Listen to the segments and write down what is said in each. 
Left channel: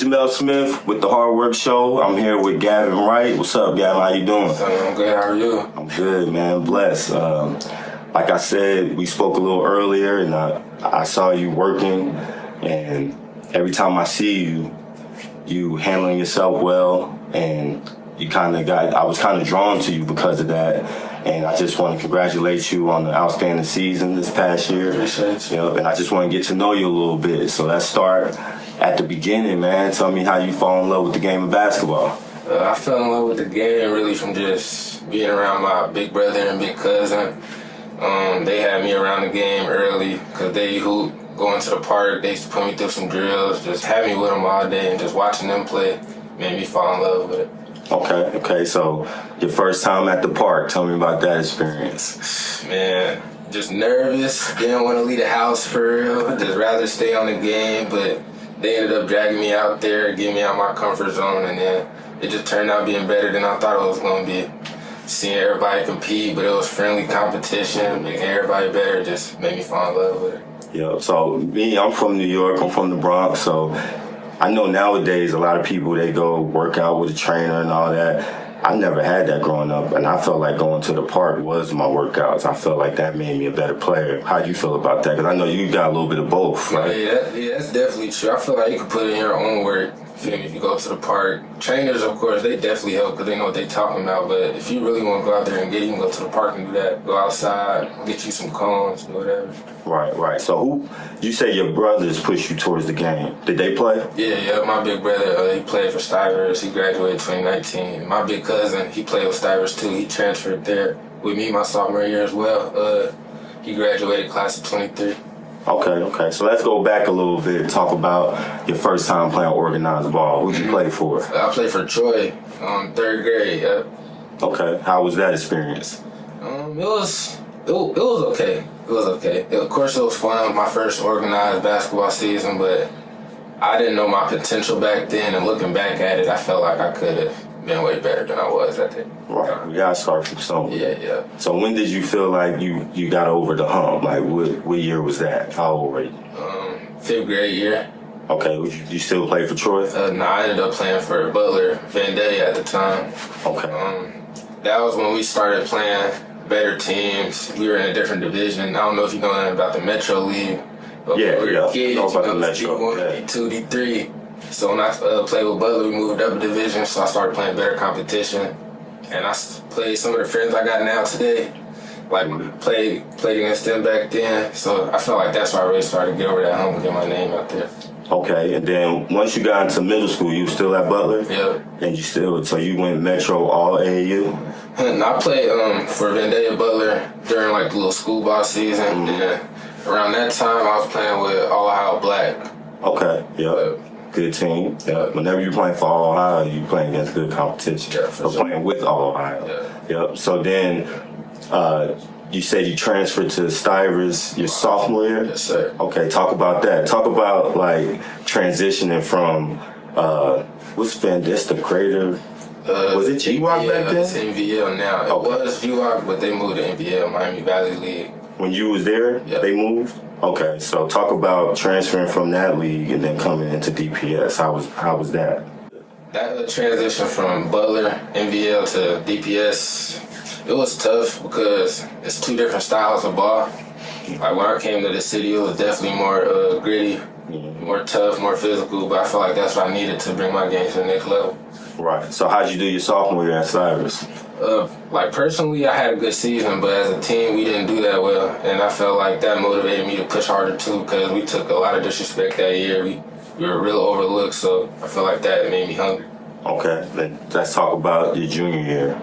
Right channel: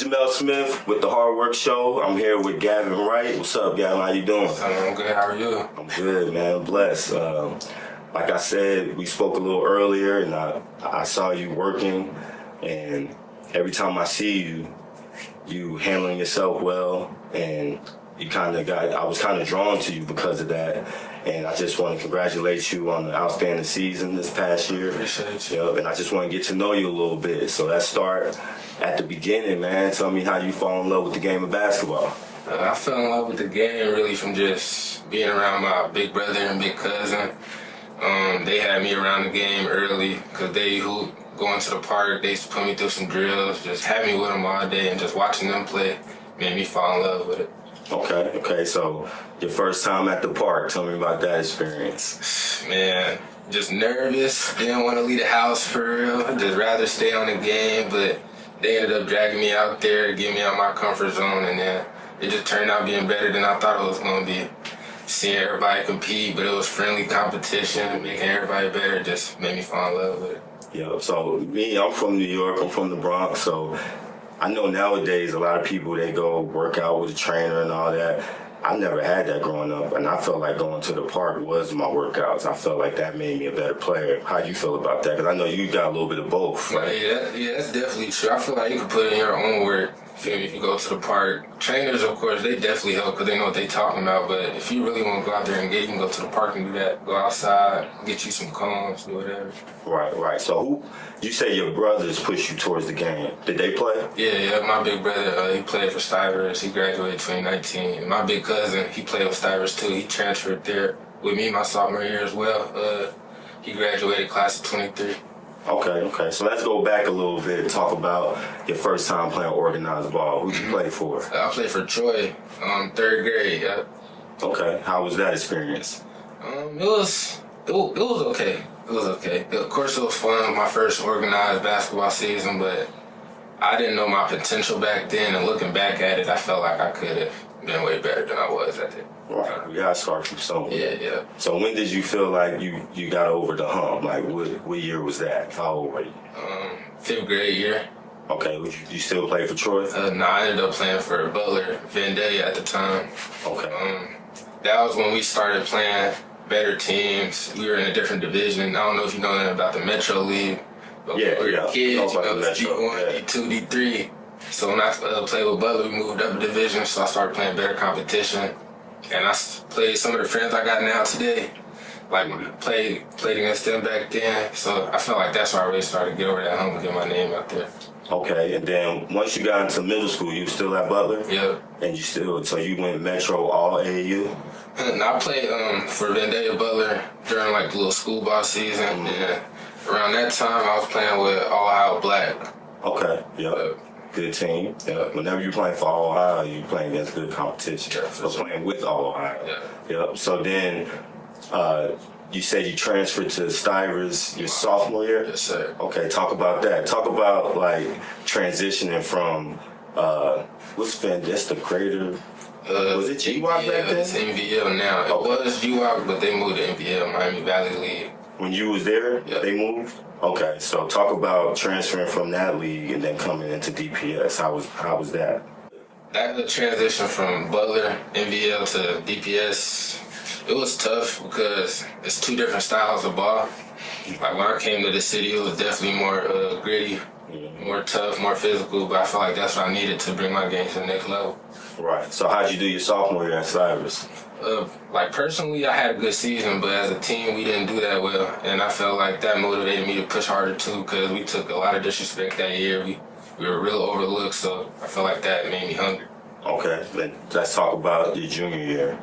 Jamel Smith with the Hardwork Show. I'm here with Gavin Wright. What's up, Gavin? How you doing? I'm good. How are you? I'm good, man. Blessed. Like I said, we spoke a little earlier, and I saw you working, and every time I see you, you handling yourself well, and I was kind of drawn to you because of that. And I just want to congratulate you on the outstanding season this past year. Appreciate you. Yep, and I just want to get to know you a little bit. So let's start at the beginning, man. Tell me how you fall in love with the game of basketball. I fell in love with the game really from just being around my big brother and big cousin. They had me around the game early because they hoop, going to the park. They used to put me through some drills, just have me with them all day, and just watching them play made me fall in love with it. Okay. So your first time at the park, tell me about that experience. Man, just nervous. Didn't want to leave the house for real. Just rather stay on the game, but they ended up dragging me out there, getting me out my comfort zone, and then it just turned out being better than I thought it was going to be. Seeing everybody compete, but it was friendly competition, making everybody better, just made me fall in love with it. Yo, so me, I'm from New York, I'm from the Bronx, so I know nowadays a lot of people, they go work out with a trainer and all that. I never had that growing up, and I felt like going to the park was my workouts. I felt like that made me a better player. How do you feel about that? Because I know you got a little bit of both, right? Yeah, that's definitely true. I feel like you can put in your own work. If you go to the park, trainers, of course, they definitely help because they know what they're talking about. But if you really want to go out there and get, you can go to the park and do that. Go outside, get you some cones, do whatever. Right. So you say your brothers push you towards the game. Did they play? Yeah. My big brother, he played for Stivers. He graduated 2019. My big cousin, he played with Stivers too. He transferred there with me my sophomore year as well. He graduated class of 23. Okay. So let's go back a little bit. Talk about your first time playing organized ball. Who'd you play for? I played for Troy, third grade. Yep. Okay. How was that experience? It was okay. It was okay. Of course, it was fun. My first organized basketball season, but I didn't know my potential back then. And looking back at it, I felt like I could have been way better than I was at that. Right. We gotta start from somewhere. Yeah. So when did you feel like you got over the hump? Like what year was that? How old were you? Fifth grade year. Okay. You still play for Troy? No, I ended up playing for Butler, Van Day at the time. Okay. That was when we started playing better teams. We were in a different division. I don't know if you know anything about the Metro League. But Yeah. When we were kids, I know about the Metro. D1, D2, D3. So when I played with Butler, we moved up a division, so I started playing better competition. And I played some of the friends I got now today. Like, played against them back then. So I felt like that's why I really started to get over that hump and get my name out there. Okay, and then once you got into middle school, you were still at Butler? Yep. And so you went Metro all AAU? And I played for Vendaya Butler during like the little school ball season. And around that time, I was playing with All Ohio Black. Okay, yep. Good team. Yep. Whenever you're playing for All Ohio, you're playing against good competition. Yeah, for sure. Playing with All Ohio. Yeah. Yep. So then you said you transferred to Stivers your sophomore year? Yes, sir. Okay, talk about that. Talk about like transitioning from what's been this the creator? Was it GWAC back then? It's NVL now. It was GWAC, but they moved to NVL, Miami Valley League. When you was there, Yep. They moved? Okay, so talk about transferring from that league and then coming into DPS. How was that? That transition from Butler, NVL to DPS, it was tough because it's two different styles of ball. Like when I came to the city, it was definitely more gritty, more tough, more physical, but I felt like that's what I needed to bring my game to the next level. Right. So how'd you do your sophomore year at Stivers? Like personally, I had a good season, but as a team, we didn't do that well, and I felt like that motivated me to push harder too because we took a lot of disrespect that year. We were real overlooked, so I felt like that made me hungry. Okay, then let's talk about your junior year.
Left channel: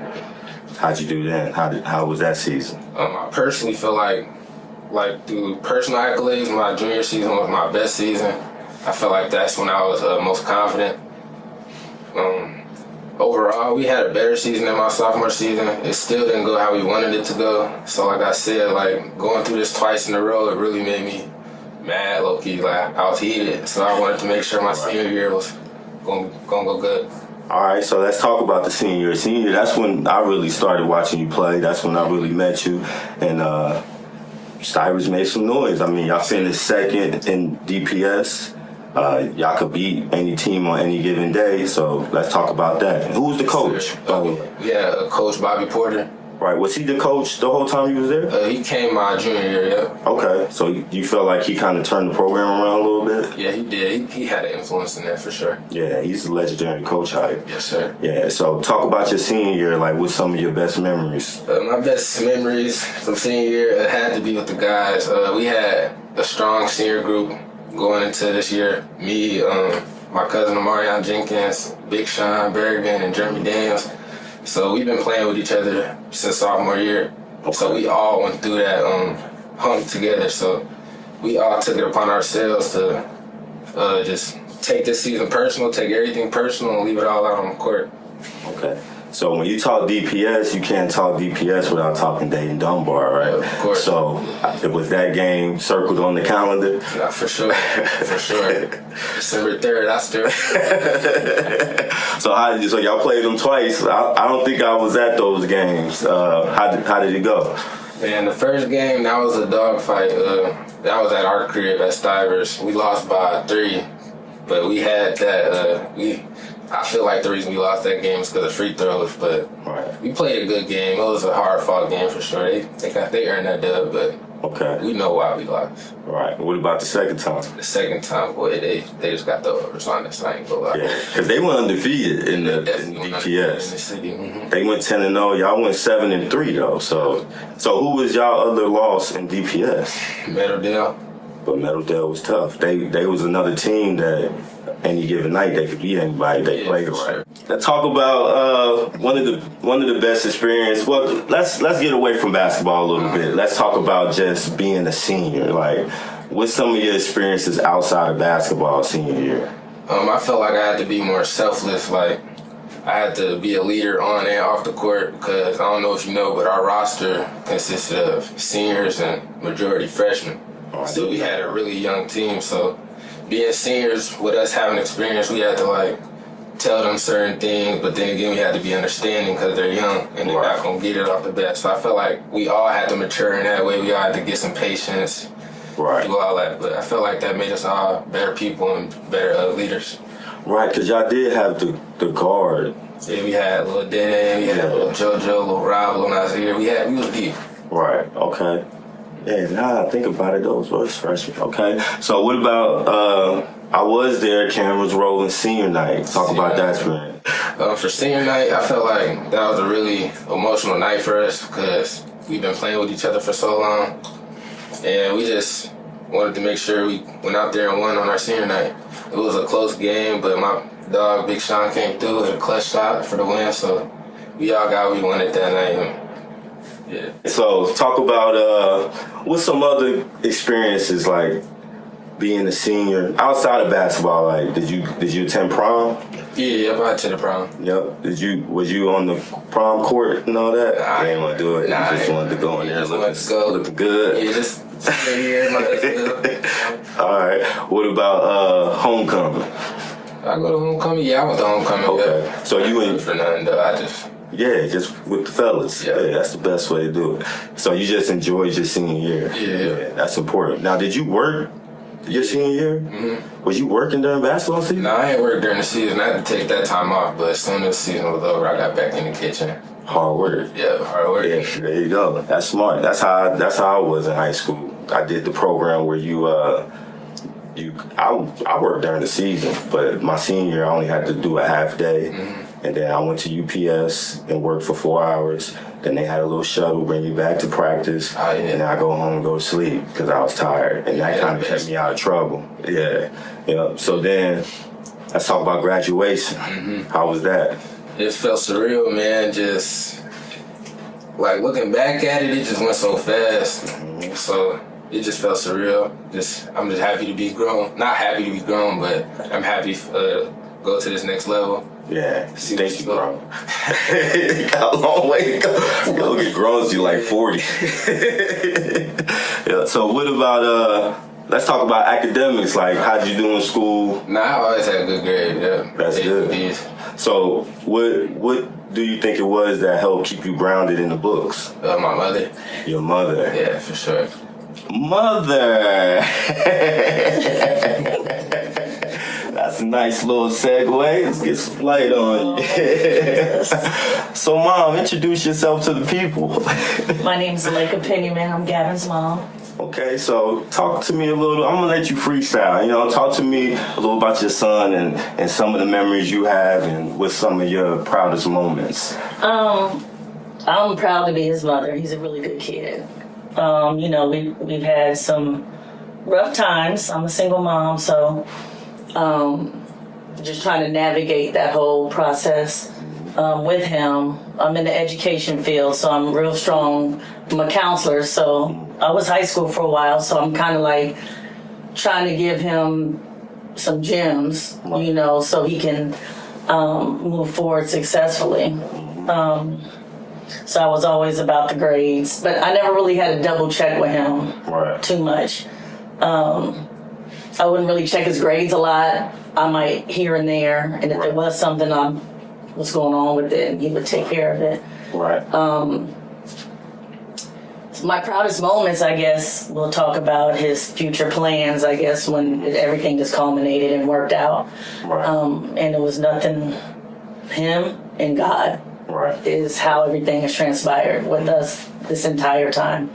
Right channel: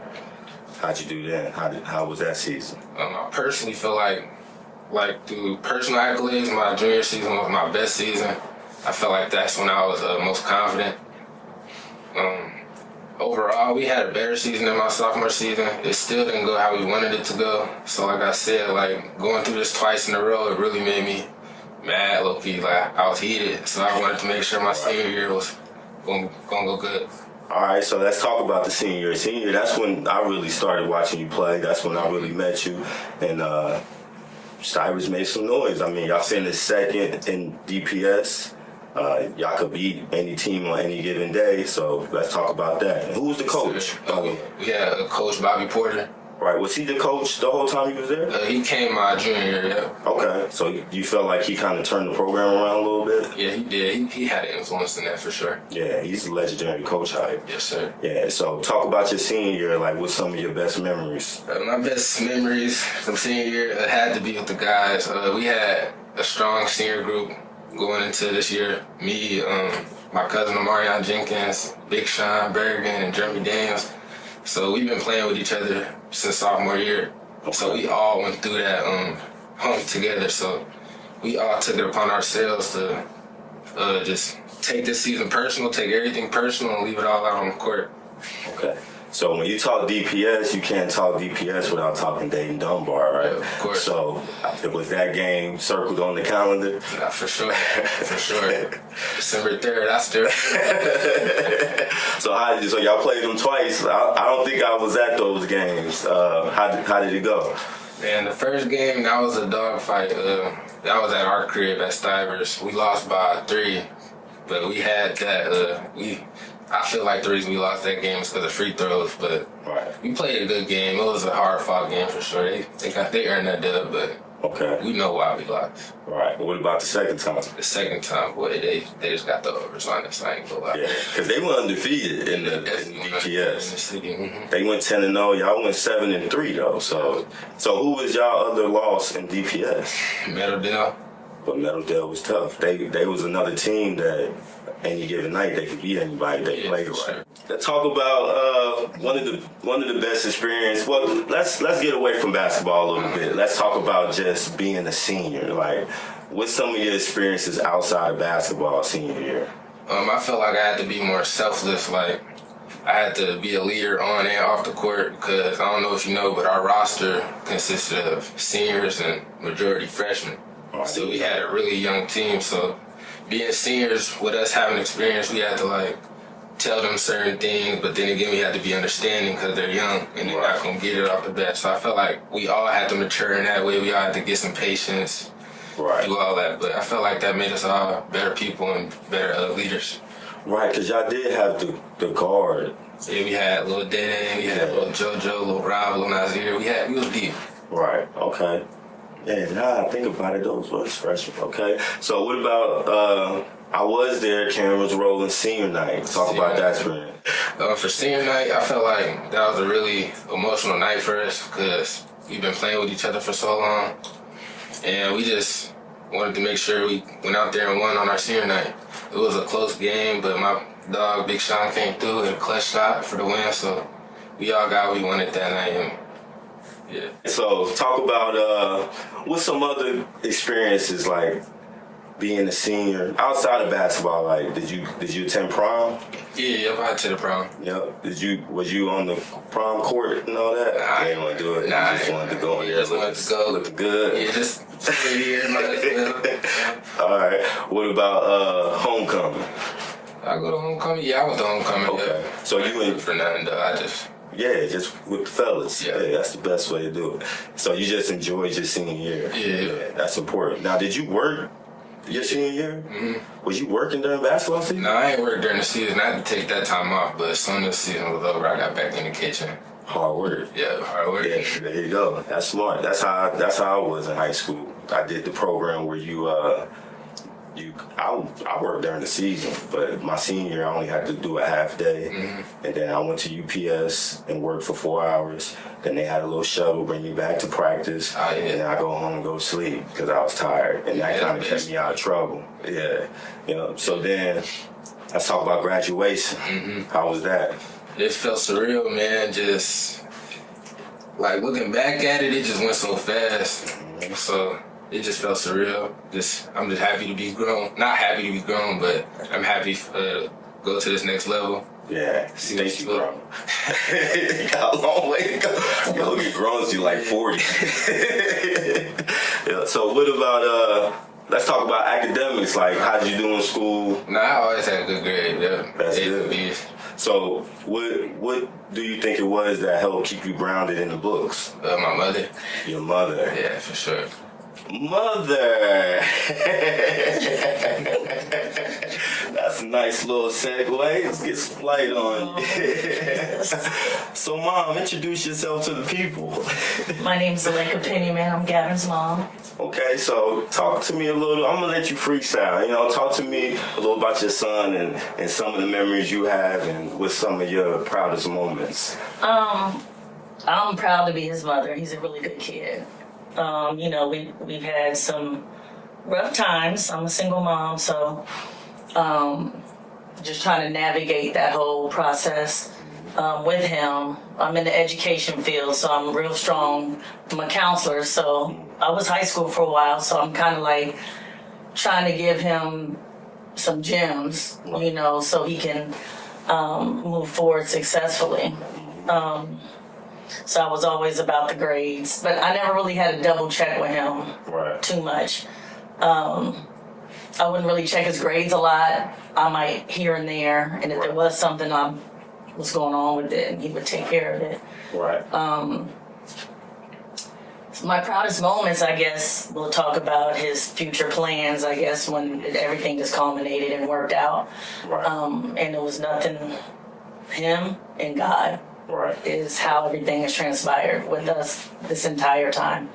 How'd you do then? How was that season? I personally feel like through personal accolades, my junior season was my best season. I felt like that's when I was most confident. Overall, we had a better season than my sophomore season. It still didn't go how we wanted it to go. So like I said, like going through this twice in a row, it really made me mad, low-key. Like I was heated. So I wanted to make sure my senior year was gonna go good. All right, so let's talk about the senior. Senior, that's when I really started watching you play. That's when I really met you. And Stivers made some noise. I mean, y'all finished second in DPS. Y'all could beat any team on any given day, so let's talk about that. Who was the coach? We had Coach Bobby Porter. Right, was he the coach the whole time he was there? He came my junior year, yeah. Okay, so you feel like he kind of turned the program around a little bit? Yeah, he did. He had an influence in that for sure. Yeah, he's a legendary coach hype. Yes, sir. Yeah, so talk about your senior year, like what's some of your best memories? My best memories from senior year had to be with the guys. We had a strong senior group going into this year. Me, my cousin Amarion Jenkins, Big Sean Berrigan, and Jeremy Daniels. So we've been playing with each other since sophomore year. Okay. So we all went through that hump together. So we all took it upon ourselves to just take this season personal, take everything personal, and leave it all out on the court. Okay. So when you talk DPS, you can't talk DPS without talking Dayton Dunbar, right? Of course. So was that game circled on the calendar? Yeah, for sure. For sure. December 3rd, I still. So y'all played them twice. I don't think I was at those games. How did it go? And the first game, that was a dogfight. That was at our crib at Stivers. We lost by 3, but we had that. I feel like the reason we lost that game is because of free throws, but we played a good game. It was a hard-fought game for sure. They earned that dub, but we know why we lost. Right. What about the second time? The second time, boy, they just got the overs on us. I ain't gonna lie. Yeah, because they went undefeated in the DPS. In the city. Mm-hmm. They went 10-0. Y'all went 7-3 though. So who was y'all other loss in DPS? Meadowdale. But Meadowdale was tough. They was another team that any given night they could beat anybody they played right. Sure. Let's talk about one of the best experience. Well, let's get away from basketball a little bit. Let's talk about just being a senior. Like, what's some of your experiences outside of basketball senior year? I felt like I had to be more selfless. Like, I had to be a leader on and off the court because I don't know if you know, but our roster consisted of seniors and majority freshmen. So we had a really young team. So being seniors, with us having experience, we had to like tell them certain things, but then again we had to be understanding because they're young and they're not gonna get it off the bat. So I felt like we all had to mature in that way. We all had to get some patience, do all that. But I felt like that made us all better people and better leaders. Right, because y'all did have the guard. Yeah, we had little Dene, we had little JoJo, little Rob, little Nazir. We was deep. Right. Okay. Yeah, now I think about it, those was freshmen. Okay. So what about, I was there, cameras rolling, senior night. Talk about that experience. For senior night, I felt like that was a really emotional night for us because we've been playing with each other for so long. And we just wanted to make sure we went out there and won on our senior night. It was a close game, but my dog, Big Sean, came through, hit a clutch shot for the win. So we all got what we wanted that night. Yeah. So talk about what's some other experiences like being a senior outside of basketball. Like, did you attend prom? Yeah, I attended prom. Yep. Was you on the prom court and all that? I didn't want to do it. Nah, you just wanted to go in there looking good. Yeah, just here, all right. What about homecoming? I go to homecoming. Yeah, I went to homecoming. Okay. Yeah. So you ain't for nothing though. Yeah, just with the fellas. Yeah, that's the best way to do it. So you just enjoyed your senior year. Yeah, that's important. Now, did you work your senior year? Mm-hmm. Was you working during basketball season? No, I ain't worked during the season. I had to take that time off, but as soon as the season was over, I got back in the kitchen. Hard work. Yeah, hard work. Yeah, there you go. That's smart. That's how I was in high school. I did the program where I worked during the season, but my senior year I only had to do a half day, and then I went to UPS and worked for 4 hours. Then they had a little shuttle bring me back to practice, and then I go home and go to sleep because I was tired, and that kind of kept me out of trouble. Yeah. So then let's talk about graduation. How was that? It felt surreal, man. Just like looking back at it, it just went so fast. So it just felt surreal. I'm just happy to be grown. Not happy to be grown, but I'm happy to go to this next level. Yeah, think you grown. You got a long way to go. You'll get grown to you like 40. Yeah, so what about, let's talk about academics. Like, how'd you do in school? Nah, I always had good grades. Yeah. That's good. So what do you think it was that helped keep you grounded in the books? My mother. Your mother? Yeah, for sure. Mother. That's a nice little segue. Let's get some light on you. So, Mom, introduce yourself to the people. My name's Zuleika Pennyman. I'm Gavin's mom. Okay, so talk to me a little. I'm gonna let you freestyle. You know, talk to me a little about your son and some of the memories you have, and with some of your proudest moments. I'm proud to be his mother. He's a really good kid. You know, we've had some rough times. I'm a single mom, so just trying to navigate that whole process with him. I'm in the education field, so I'm real strong. I'm a counselor, so I was high school for a while, so I'm kind of like trying to give him some gems, you know, so he can move forward successfully. So I was always about the grades, but I never really had to double check with him too much. I wouldn't really check his grades a lot. I might here and there, and if there was something was going on with it, he would take care of it. So my proudest moments, I guess, we'll talk about his future plans, I guess, when everything just culminated and worked out. And it was nothing, him and God is how everything has transpired with us this entire time.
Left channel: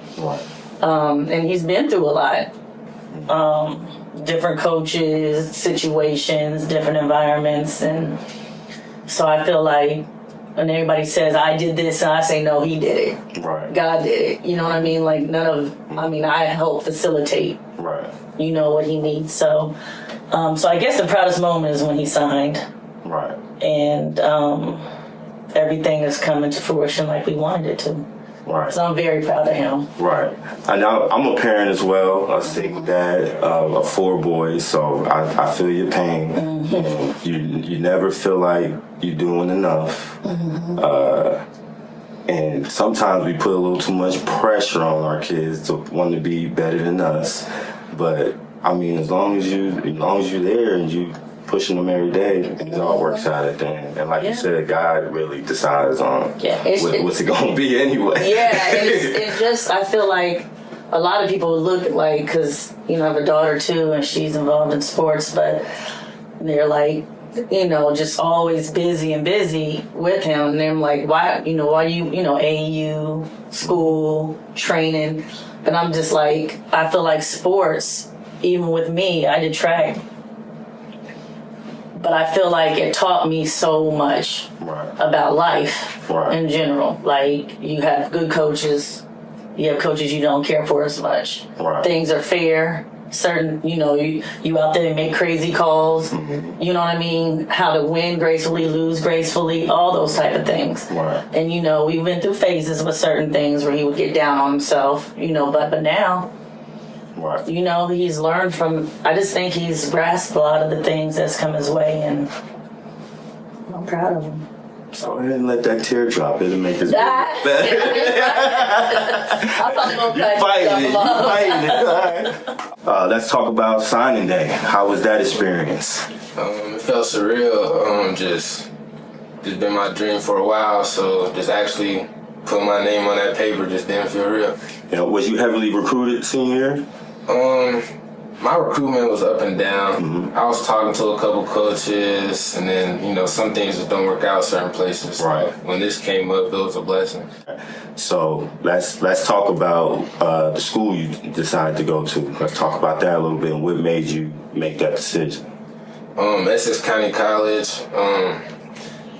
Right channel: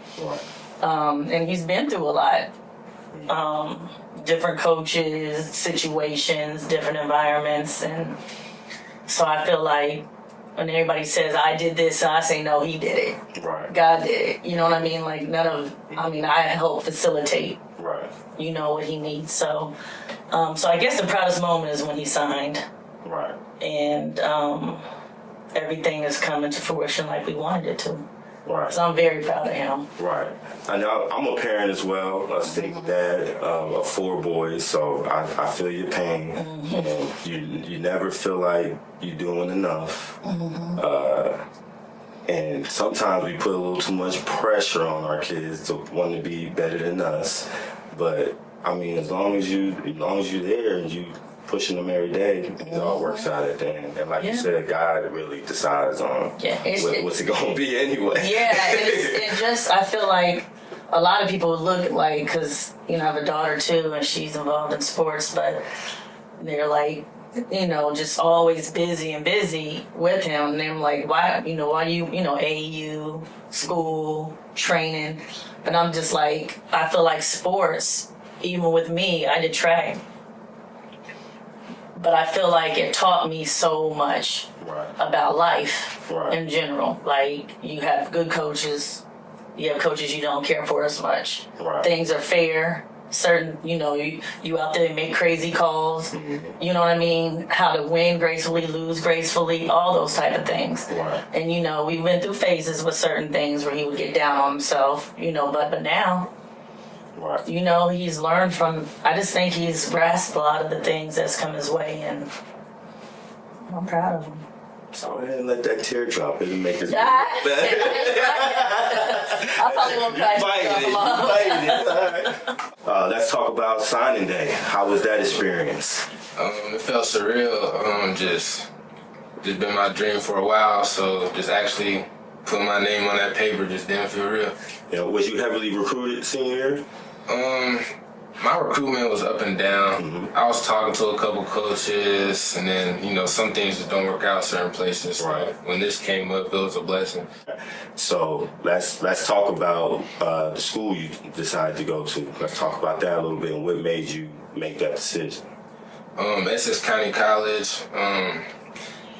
And he's been through a lot. Different coaches, situations, different environments, and so I feel like when everybody says I did this, and I say no, he did it. God did it. You know what I mean? Like I help facilitate. You know what he needs. So, so I guess the proudest moment is when he signed. And everything is coming to fruition like we wanted it to. So I'm very proud of him. And I'm a parent as well, a single dad of 4 boys, so I feel your pain. And you never feel like you're doing enough. And sometimes we put a little too much pressure on our kids to want to be better than us. But I mean, as long as you're there and you pushing them every day, it all works out at the end. And like you said, God really decides on what's it going to be anyway. And it just, I feel like a lot of people look like, because, you know, I have a daughter too, and she's involved in sports, but they're like, you know, just always busy with him. And they're like, why you, AAU, school, training. But I'm just like, I feel like sports, even with me, I did track. But I feel like it taught me so much about life in general. Like, you have good coaches, you have coaches you don't care for as much. Things are fair. Certain, you know, you out there and make crazy calls. You know what I mean? How to win gracefully, lose gracefully, all those type of things. And, you know, we went through phases with certain things where he would get down on himself, you know, but now... You know, he's learned from, I just think he's grasped a lot of the things that's come his way, and I'm proud of him. So I didn't let that tear drop. It'll make us I probably won't fighting it. All right. Let's talk about signing day. How was that experience? It felt surreal. Just been my dream for a while, so just actually put my name on that paper just didn't feel real. Yeah, was you heavily recruited senior year? My recruitment was up and down. I was talking to a couple coaches, and then, you know, some things just don't work out certain places. So when this came up, it was a blessing. So let's talk about the school you decided to go to. Let's talk about that a little bit, and what made you make that decision. Essex County College.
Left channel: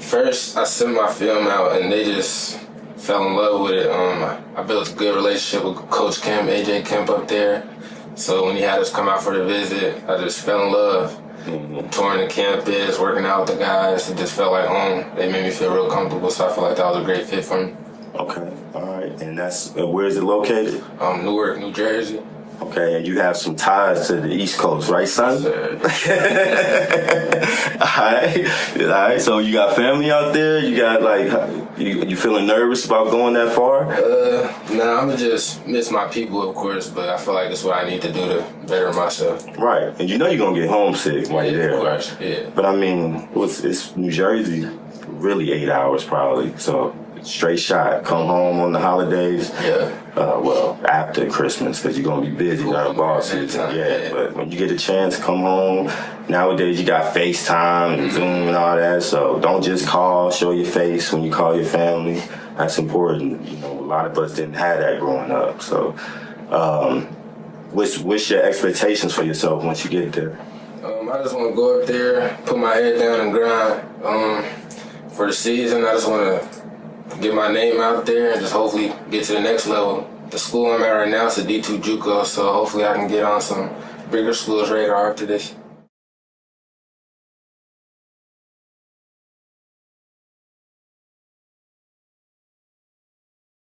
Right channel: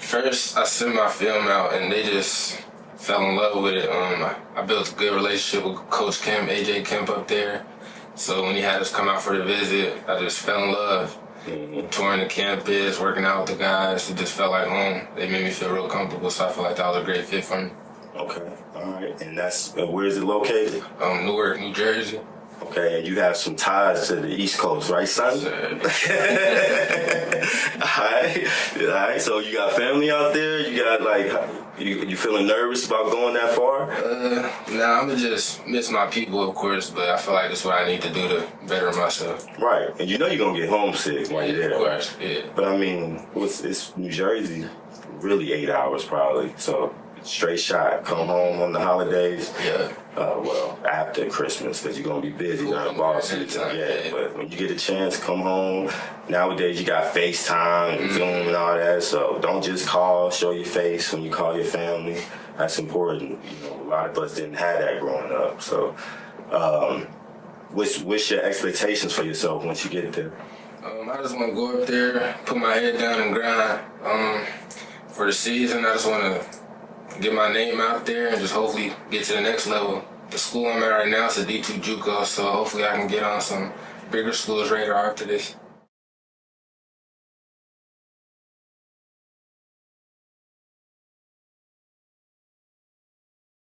First, I sent my film out, and they just fell in love with it. I built a good relationship with Coach Kemp, AJ Kemp up there. So when he had us come out for the visit, I just fell in love. Touring the campus, working out with the guys, it just felt like home. They made me feel real comfortable, so I feel like that was a great fit for me. Okay, all right. And that's, where is it located? Newark, New Jersey. Okay, and you have some ties to the East Coast, right, son? All right. So you got family out there? You got, like, you feeling nervous about going that far? Nah, I'm gonna just miss my people, of course, but I feel like that's what I need to do to better myself. Right, and you know you're gonna get homesick while you're there. Of course, yeah. But I mean, it's New Jersey, really 8 hours probably, so straight shot. Come home on the holidays. Yeah. Well, after Christmas, because you're gonna be busy during ball season. Yeah, but when you get a chance, come home. Nowadays, you got FaceTime and Zoom and all that. So don't just call, show your face when you call your family. That's important. You know, a lot of us didn't have that growing up. So, what's your expectations for yourself once you get there? I just want to go up there, put my head down and grind. For the season, I just want to get my name out there and just hopefully get to the next level. The school I'm at right now is a D2 JUCO, so hopefully I can get on some bigger schools radar after this.